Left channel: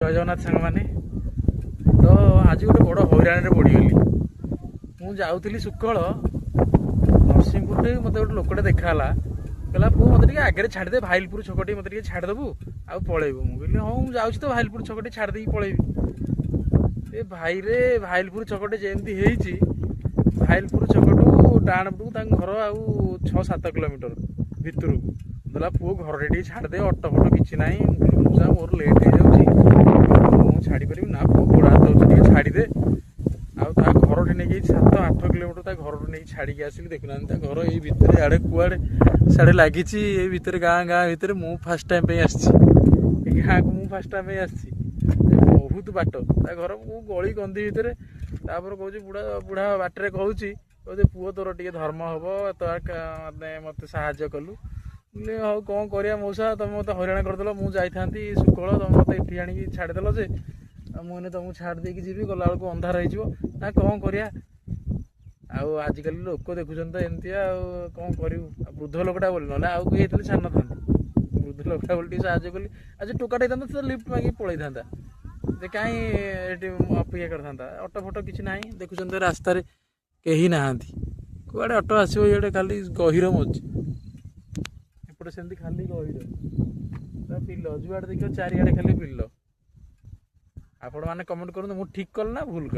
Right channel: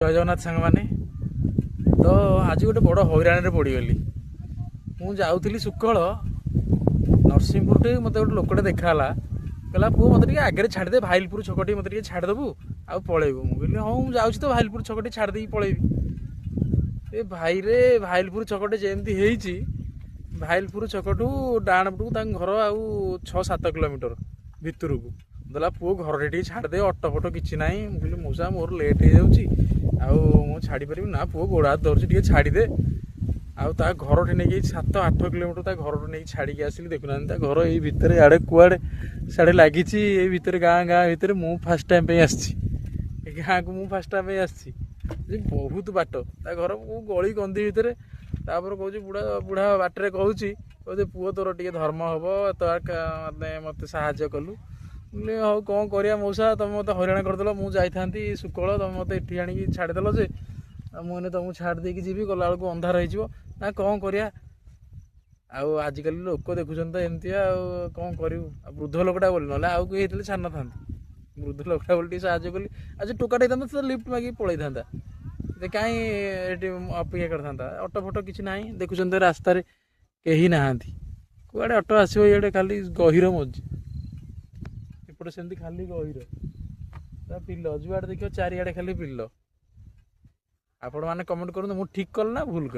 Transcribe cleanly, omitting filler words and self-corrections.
जय जगन्नाथ सांग मैंने तो आज गोटे बड़ हईराण पड़गली मुझे सुकल नरसिंहपुर टे मत गोटे लोकटे देखाला कहला पु मत आगे छाड़दे भाइलपुर छकटी मत छाड़देबू आ पलैबू मुझे हाँ मुझे तो भाइलपुर छकटी छाड़ी पलैबी ए भाई रे भाइलपुर छकटे जमी भाइलपुर छकटू डाण पटू घर आउ 6-7 किलोमीटर भितर को देला पुओ घर टे छाड़दे अटो फटो किसी ना मुझा मोर लेट हो छाड़ी पारि ना पुओ गोड़ हाथ दौर छाड़दे आउ घर टे नहीं 7-8 किलोमीटर घर नहीं छाड़ी आसली देखुना घर यही भितर आड़े कुआड़े साड़े लगी भितर गाँ भितर मु फास्ट टाइम गाँ को मु फास्ट टाइम आसी बहुत बाट घर मु गली गंदी भितर तापर कह बुढ़ा बुढ़ा बाटर कहूँ पुओ तोर टे धर्म हम तो मत साहाଯ୍य कलु हाँ कौन कर मौसा तुम मत हईराण करदेल मुझे सुकल तुम मत ये आणिक छाड़देल जे मुझे तुमको छाड़ देकी जी गला बेलू अंधार हो ना कौन कर आजिकल लोक देखुन तो एमती कौन करूँ वृद्ध लोकटा बोली ना आउ कहीं छाड़ ना वृद्ध लोकटा बोली साहय कली आज टोकाटा तो लिफ्ट मांगी पलि था कहीं अपेक्षा करता अटो फटो किसी ना देखुं रास्त कहीं ना कुआड़े अटो आसो ये खाली गहिर मझी एपटे सेमती खाली गहिर पिल जुआड़े देखिए चारिआडे खाली पिल आपण मैंने कमेंट करूँ ठीक कल ना भूल कर।